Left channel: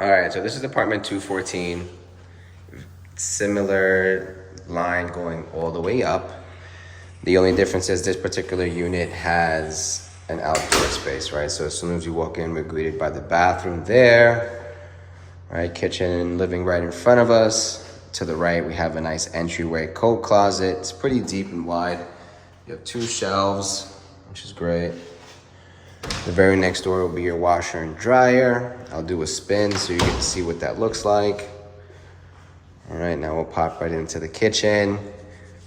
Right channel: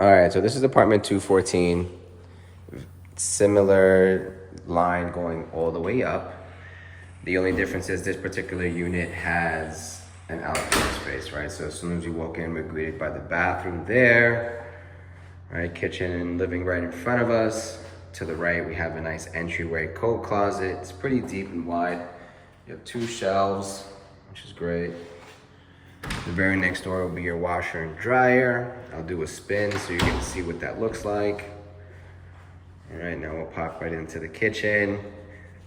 All right, so this is apartment 214. Similar line going all the way up. The only difference is this particular unit has an outdoor space, right? So as soon as you walk in, we're greeted by the bathroom there, right? Kitchen and living right in front of us. To the right, we have a nice entryway coat closet. It's pretty deep and wide. You have 2 shelves, which is great. The very next door will be your washer and dryer. I'll do a spin so you get to see what that looks like. All right, now we'll pop right into the kitchen.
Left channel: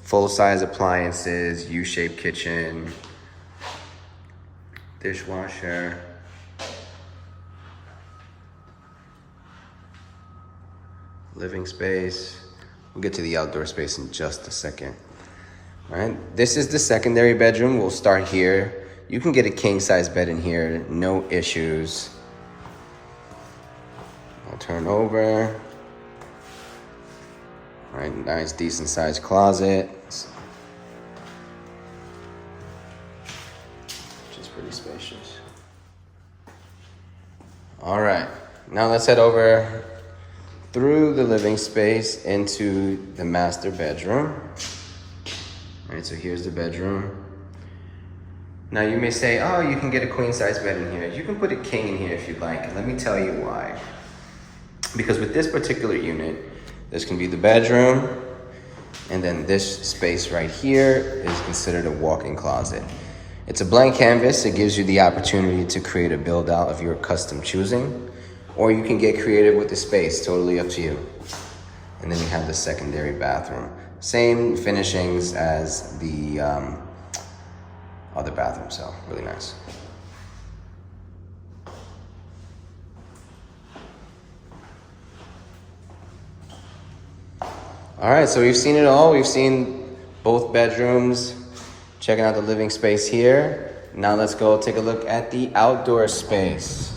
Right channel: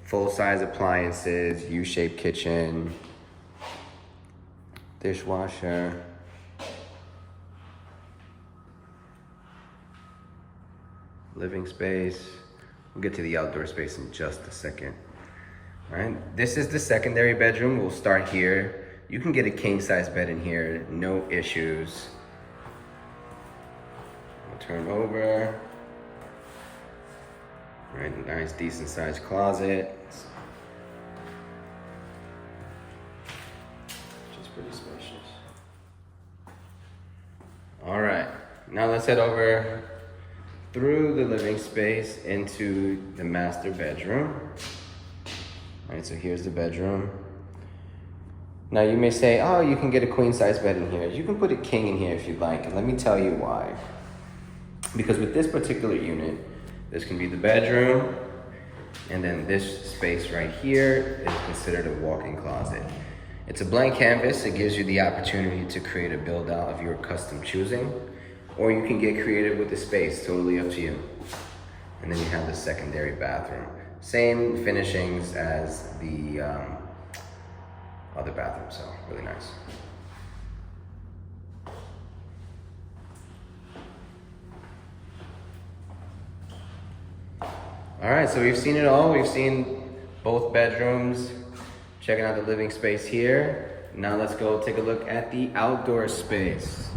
Full-size appliances, U-shaped kitchen, dishwasher. Living space. We'll get to the outdoor space in just a second. All right, this is the secondary bedroom. We'll start here. You can get a king-size bed in here, no issues. I'll turn over. All right, nice, decent-sized closet. Which is pretty spacious. All right, now let's head over through the living space into the master bedroom. All right, so here's the bedroom. Now you may say, oh, you can get a queen size bed in here. You can put a king in here if you'd like, and let me tell you why. Because with this particular unit, this can be the bedroom, and then this space right here is considered a walk-in closet. It's a blank canvas. It gives you the opportunity to create a build out of your custom choosing, or you can get creative with the space, totally up to you. And then you have the secondary bathroom. Same finishings as the other bathroom, so really nice. All right, so we've seen it all. We've seen both bedrooms, checking out the living space here. Now let's go take a look at the outdoor space.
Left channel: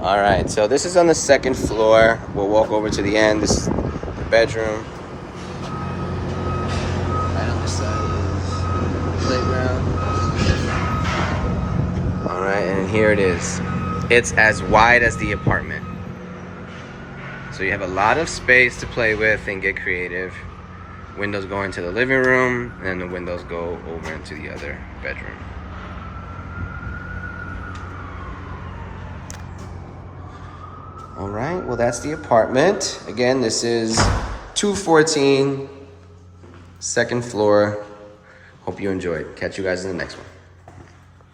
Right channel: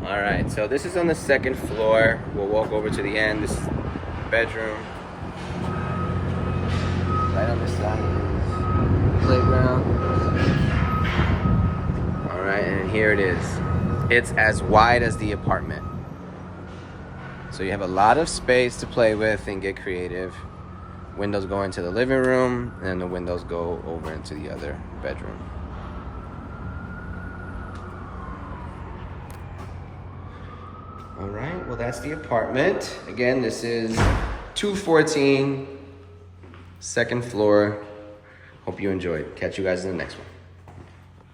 All right, so this is on the 2nd floor. We'll walk over to the end. This is the bedroom. Right on the side of the playground. All right, and here it is. It's as wide as the apartment. So you have a lot of space to play with and get creative. Windows go into the living room, and the windows go over into the other bedroom. All right, well, that's the apartment. Again, this is 214, 2nd floor. Hope you enjoyed. Catch you guys in the next one.